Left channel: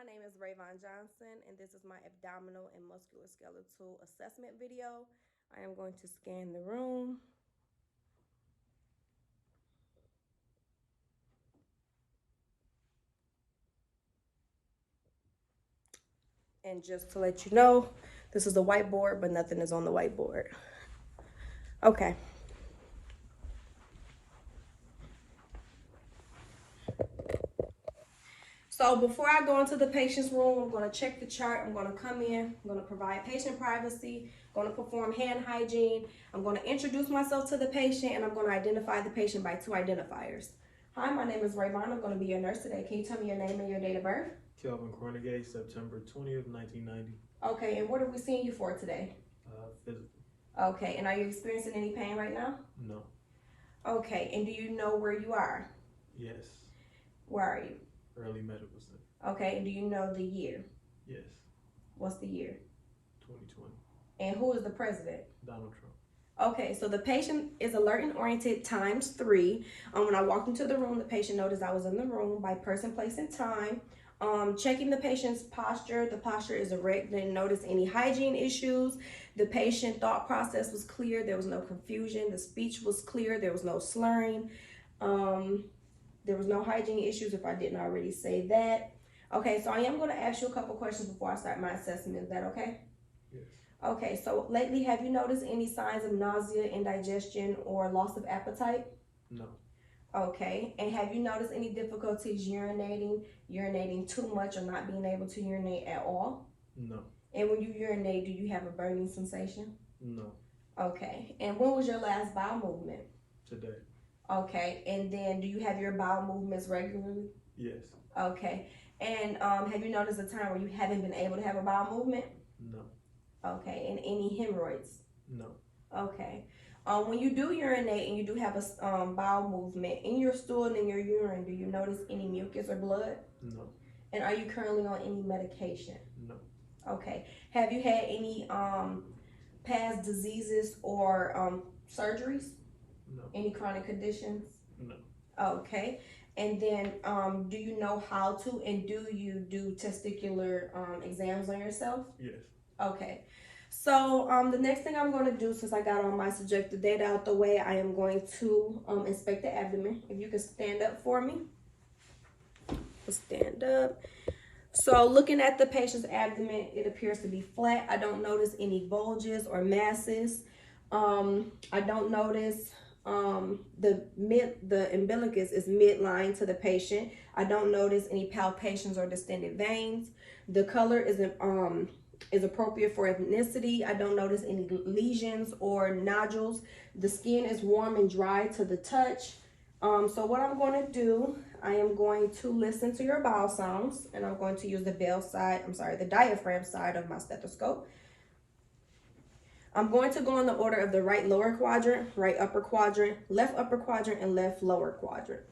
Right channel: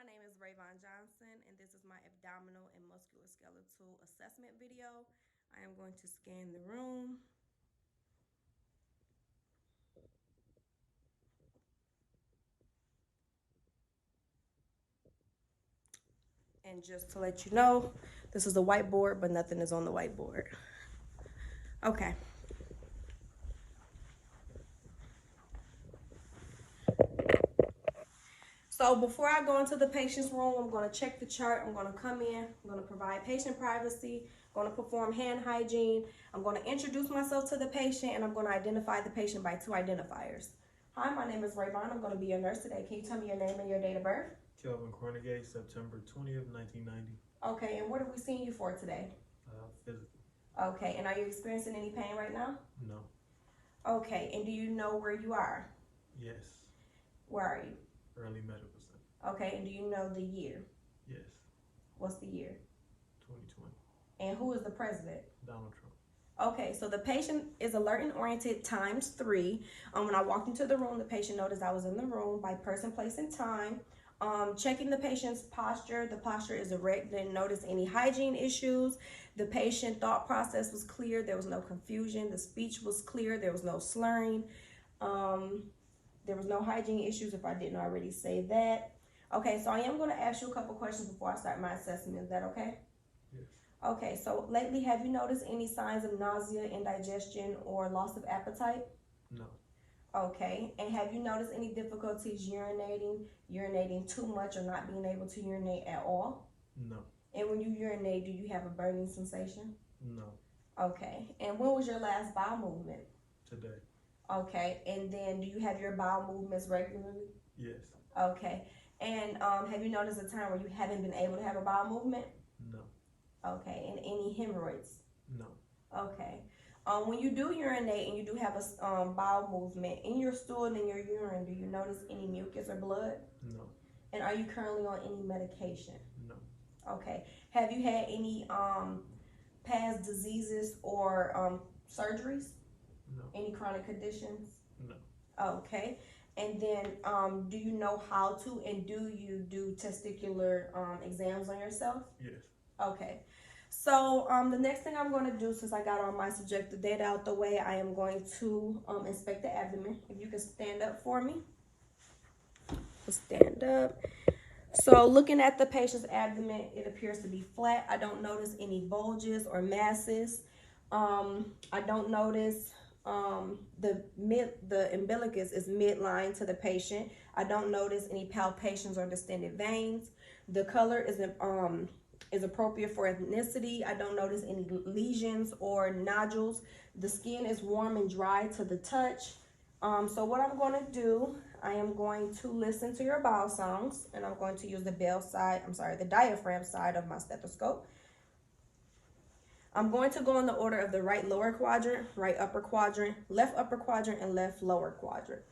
my name is Rayvon Johnson, and this is my abdominal and musculoskeletal assessment video. I am going to scan the room. And just to let you know, this is a whiteboard, but nothing is on the whiteboard. Okay. So before I go into the patient's room, I'm going to check the chart. I'm going to come in. I'm going to provide patient privacy. I'm going to perform hand hygiene. I'm going to introduce myself to the patient, and I'm going to identify the patient by two identifiers. Hi, my name is Rayvon. I'm going to be your nurse today. Can you tell me your name and your date of birth? Kelvin Cornegay, September 20th, 1990. Okay, and what are we seeing you for today? Physical. Okay, and are you experiencing any pain right now? No. Okay, and do you know where you are? Yes. Where are you? Early medical center. Okay, and do you know the year? Yes. What's the year? 2020. And who is the president? Donald Trump. Okay, so the patient is alert and oriented ×3. When I walked into the room, the patient noticed I was in the room by person, place, and time. Checking the patient's posture. The posture is erect. Didn't notice any hygiene issues. The patient thought process was clear. There was no confusion. The speech was clear. There was no slurring. There was no hygiene issues, if I didn't already say that. Okay, so I am going to ask you a couple questions before I start my assessment. Is that okay? Yes. Okay, so lately, have you noticed any signs of nausea, indigestion, or loss of appetite? No. Okay, and have you noticed any difficulties urinating too much, or not being able to urinate at all? No. And when you urinate, do you have a burning sensation? No. Okay, and when was your last bowel movement? Today. Okay, and then do you have your bowel movements regularly? Yes. Okay, and have you noticed a time where you haven't been able to have a bowel movement? No. Okay, and any hemorrhoids? No. Okay. When you do urinate and you do have a bowel movement, in your stool and in your urine, do you notice any mucus or blood? No. And are you currently on any medication? No. Okay. Have you had any past diseases or surgeries? No. Any chronic conditions? No. Okay. And then do you know how to and do you do testicular exams on yourself? Yes. Okay. So the next thing I'm going to do, since I got all my subjective data out the way, I am going to inspect the abdomen. If you can stand up for me. Stand up. So looking at the patient's abdomen, it appears to be flat. I don't notice any bulges or masses. I don't notice the umbilicus is midline to the patient. I don't notice any palpations or distended veins. The color is appropriate for ethnicity. I don't notice any lesions or nodules. The skin is warm and dry to the touch. So what I'm going to do, I am going to listen to your bowel sounds, and I'm going to use the the diaphragm side of my stethoscope. I'm going to go in the order of the right lower quadrant, right upper quadrant, left upper quadrant, and left lower quadrant.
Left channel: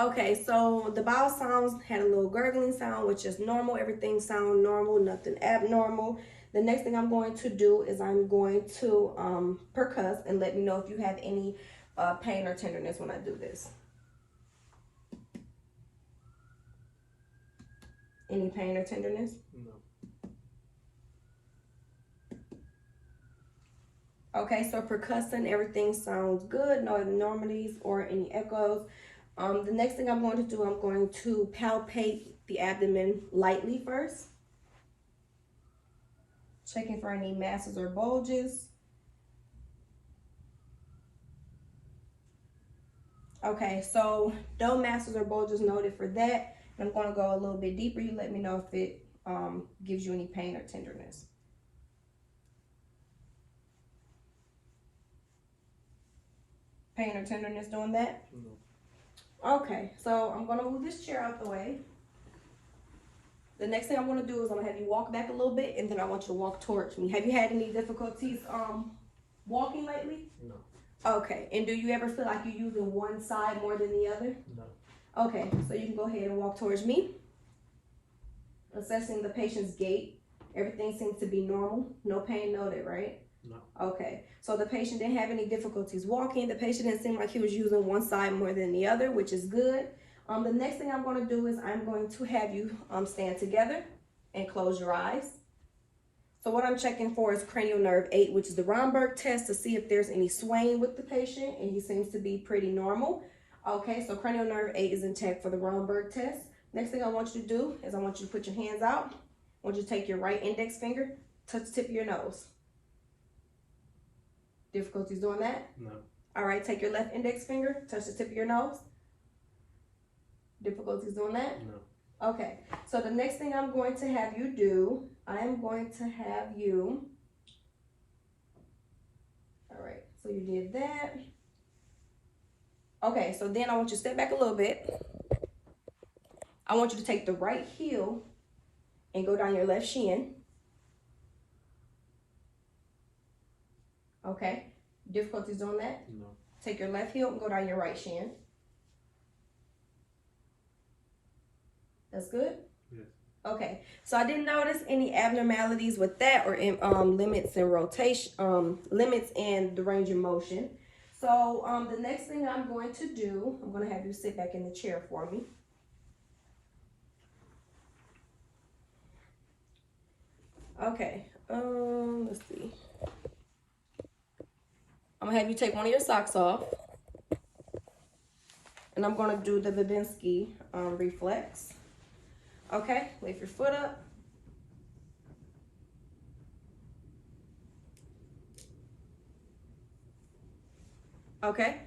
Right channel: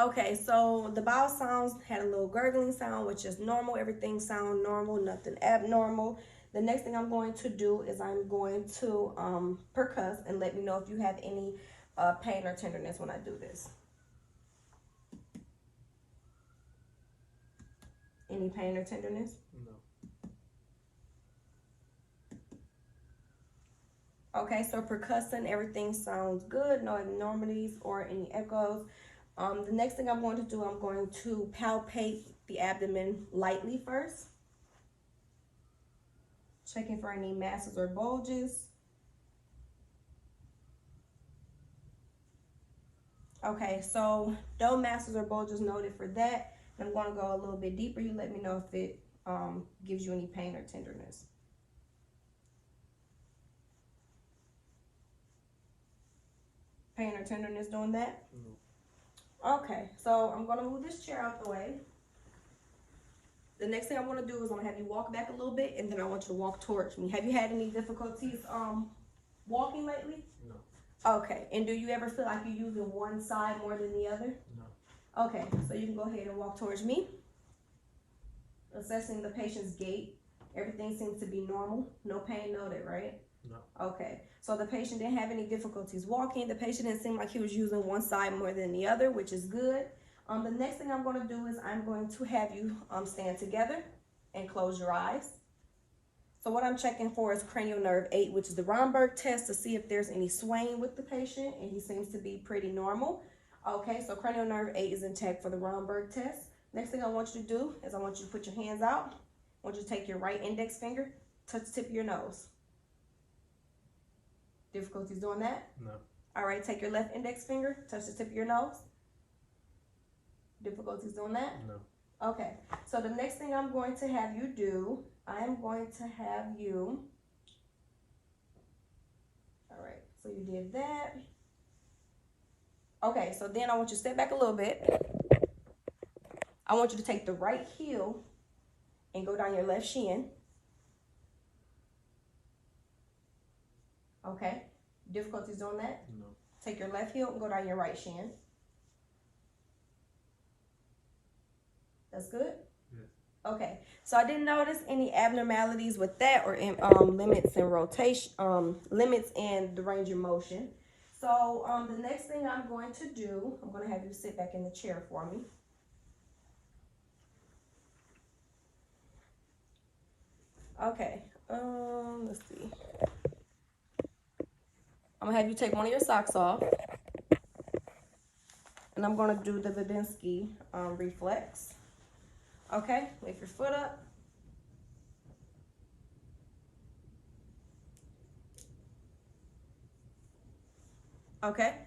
Okay, so the bowel sounds had a little gurgling sound, which is normal. Everything sounds normal, nothing abnormal. The next thing I'm going to do is I'm going to percuss and let me know if you have any pain or tenderness when I do this. Any pain or tenderness? No. Okay, so percussing, everything sounds good. No abnormalities or any echoes. The next thing I'm going to do, I'm going to palpate the abdomen lightly first. Checking for any masses or bulges. Okay, so no masses or bulges noted for that. I'm going to go a little bit deeper. You let me know if it gives you any pain or tenderness. Pain or tenderness doing that? No. Okay, so I'm going to move this chair out the way. The next thing I'm going to do is I'm going to have you walk back a little bit, and then I want you to walk towards me. Have you had any difficulties walking lately? No. Okay, and do you ever feel like you're using one side more than the other? No. Okay, so you can go ahead and walk towards me. Assessing the patient's gait. Everything seems to be normal. No pain noted, right? No. Okay, so the patient didn't have any difficulties walking. The patient didn't seem like he was using one side more than the other, which is good. The next thing I'm going to do is I'm going to have you stand together and close your eyes. So what I'm checking for is cranial nerve 8, which is the Romberg test, to see if there's any swaying with the patient, and he seems to be pretty normal. Okay, so cranial nerve 8 is intact for the Romberg test. Next thing I want you to do is I want you to put your hands out. I want you to take your right index finger, touch the tip of your nose. Difficulties doing that? No. All right, take your left index finger, touch the tip of your nose. Difficulties doing that? No. Okay, so the next thing I'm going to have you do, I am going to have you, all right, so you did that. Okay, so then I want you to step back a little bit. I want you to take the right heel and go down your left shin. Okay, difficulties doing that? No. Take your left heel and go down your right shin. That's good? Yes. Okay, so I didn't notice any abnormalities with that or limits in rotation, limits in the range of motion. So the next thing I'm going to do, I'm going to have you sit back in the chair for me. Okay, let's see. I'm gonna have you take one of your socks off, and I'm gonna do the Babinski reflex. Okay, lift your foot up. Okay,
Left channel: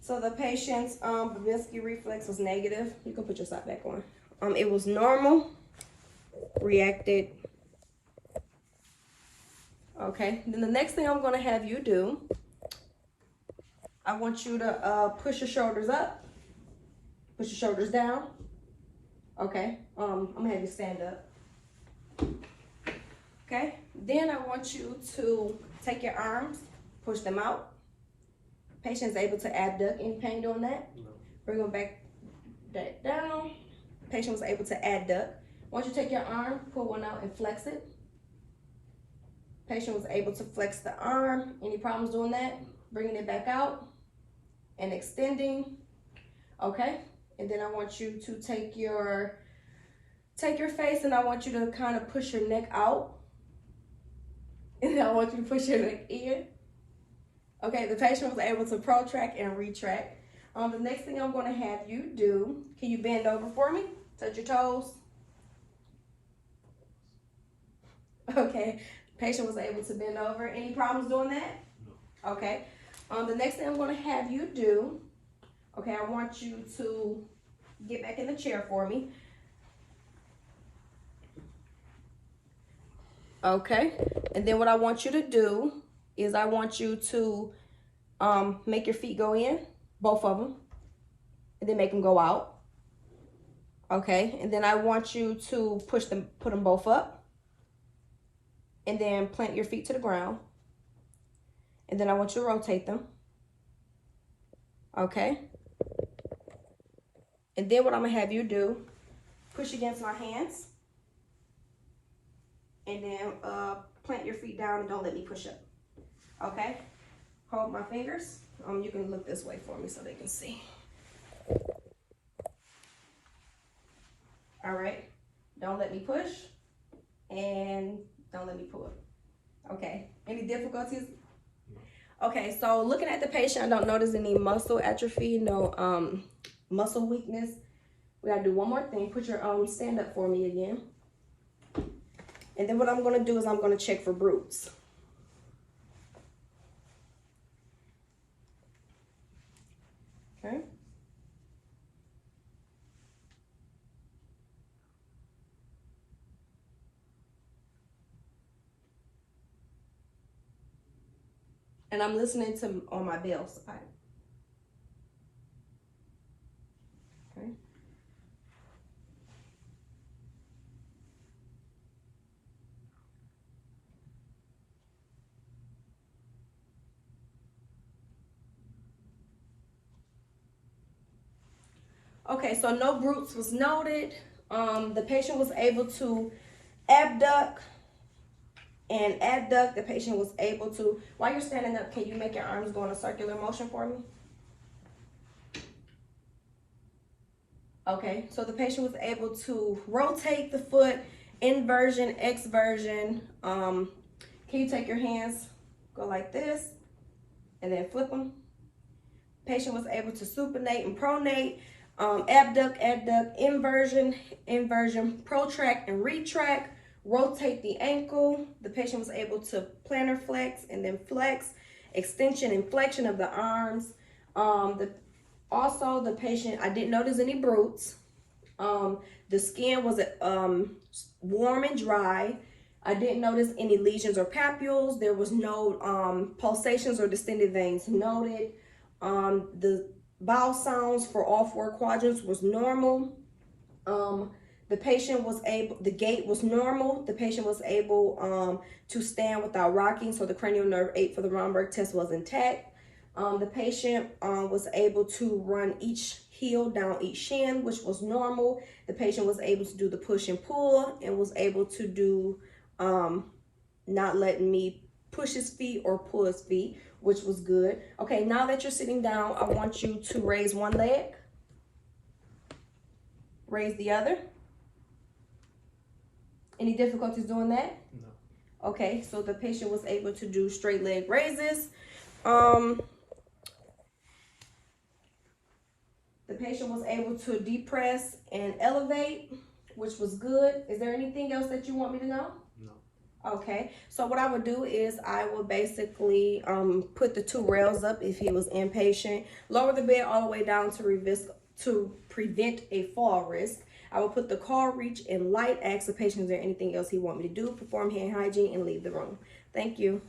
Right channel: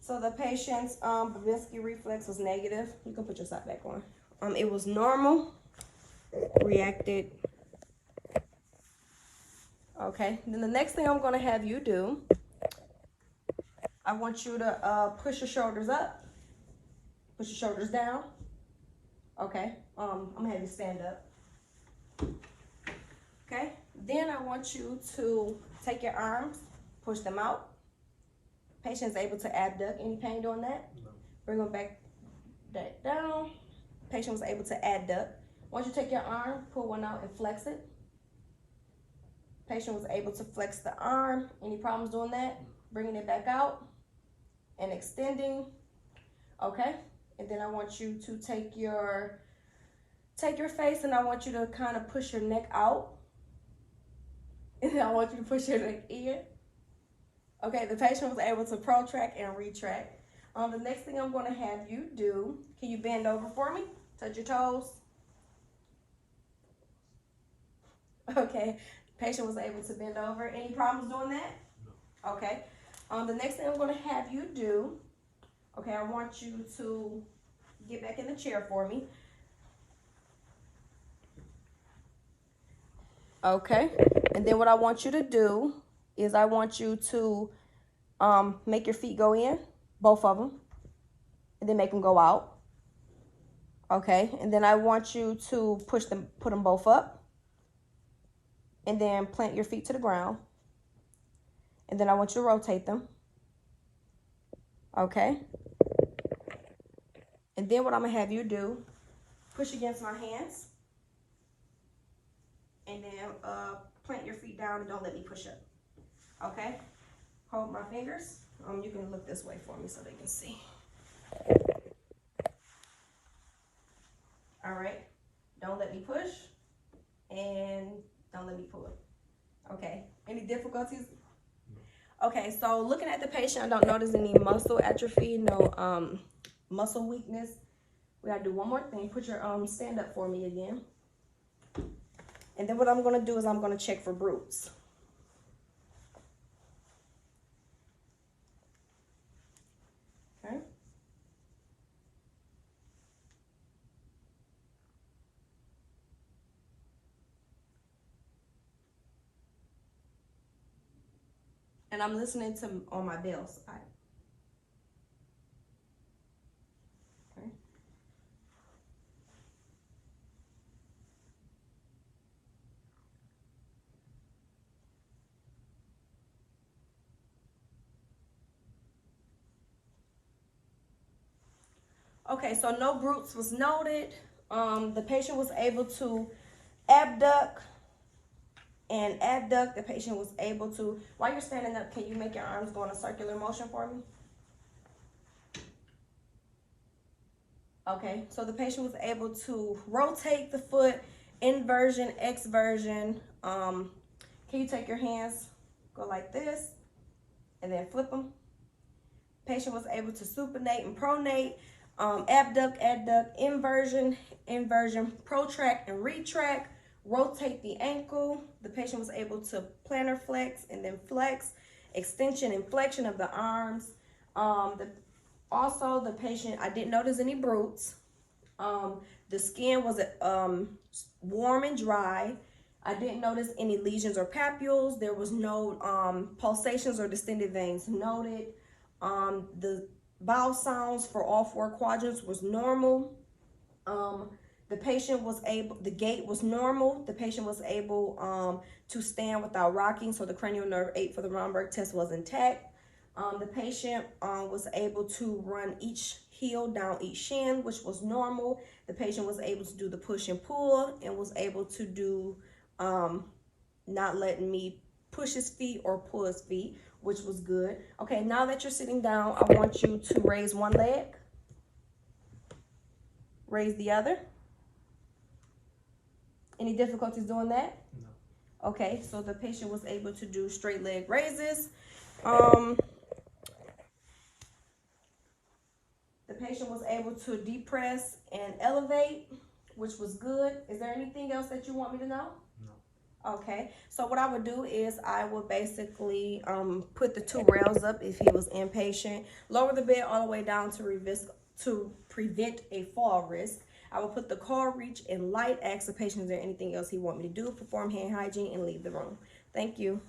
so the patient's Babinski reflex was negative. You can put your sock back on. It was normal, reacted. Okay, then the next thing I'm gonna have you do, I want you to push your shoulders up, push your shoulders down. Okay, I'm gonna have you stand up. Okay, then I want you to take your arms, push them out. Patient's able to abduct. Any pain doing that? No. Bring them back down. Patient was able to adduct. Once you take your arm, pull one out and flex it. Patient was able to flex the arm. Any problems doing that? Bringing it back out and extending. Okay, and then I want you to take your face and I want you to kind of push your neck out. And then I want you to push your neck in. Okay, the patient was able to protract and retract. The next thing I'm going to have you do, can you bend over for me? Touch your toes. Okay, patient was able to bend over. Any problems doing that? No. Okay. The next thing I'm going to have you do, okay, I want you to get back in the chair for me. Okay, and then what I want you to do is I want you to make your feet go in, both of them, and then make them go out. Okay, and then I want you to put them both up, and then plant your feet to the ground, and then I want you to rotate them. Okay, and then what I'm gonna have you do, push against my hands, and then plant your feet down and don't let me push up. Okay, hold my fingers. You can look this way for me so they can see. All right, don't let me push and don't let me pull. Okay, any difficulties? No. Okay, so looking at the patient, I don't notice any muscle atrophy, no muscle weakness. We gotta do one more thing. Put your stand up for me again. And then what I'm gonna do is I'm gonna check for bruits. Okay. And I'm listening to on my bell side. Okay. Okay, so no bruits was noted. The patient was able to abduct and adduct. The patient was able to, while you're standing up, can you make your arms go in a circular motion for me? Okay, so the patient was able to rotate the foot, inversion, exversion. Can you take your hands, go like this, and then flip them? Patient was able to supinate and pronate, abduct, adduct, inversion, inversion, protract and retract, rotate the ankle. The patient was able to plantar flex and then flex, extension and flexion of the arms. Also, the patient, I didn't notice any bruits. The skin was warm and dry. I didn't notice any lesions or papules. There was no pulsations or distended veins noted. The bowel sounds for all 4 quadrants was normal. The patient was able, the gait was normal. The patient was able to stand without rocking, so the cranial nerve 8 for the Romberg test was intact. The patient was able to run each heel down each shin, which was normal. The patient was able to do the push and pull and was able to do not letting me push his feet or pull his feet, which was good. Okay, now that you're sitting down, I want you to raise one leg, raise the other. Any difficulties doing that? No. Okay, so the patient was able to do straight leg raises. The patient was able to depress and elevate, which was good. Is there anything else that you want me to know? No. Okay, so what I would do is I would basically put the 2 rails up if he was inpatient, lower the bed all the way down to prevent a fall risk. I will put the call reach in light, ask the patient is there anything else he want me to do, perform hand hygiene, and leave the room. Thank you.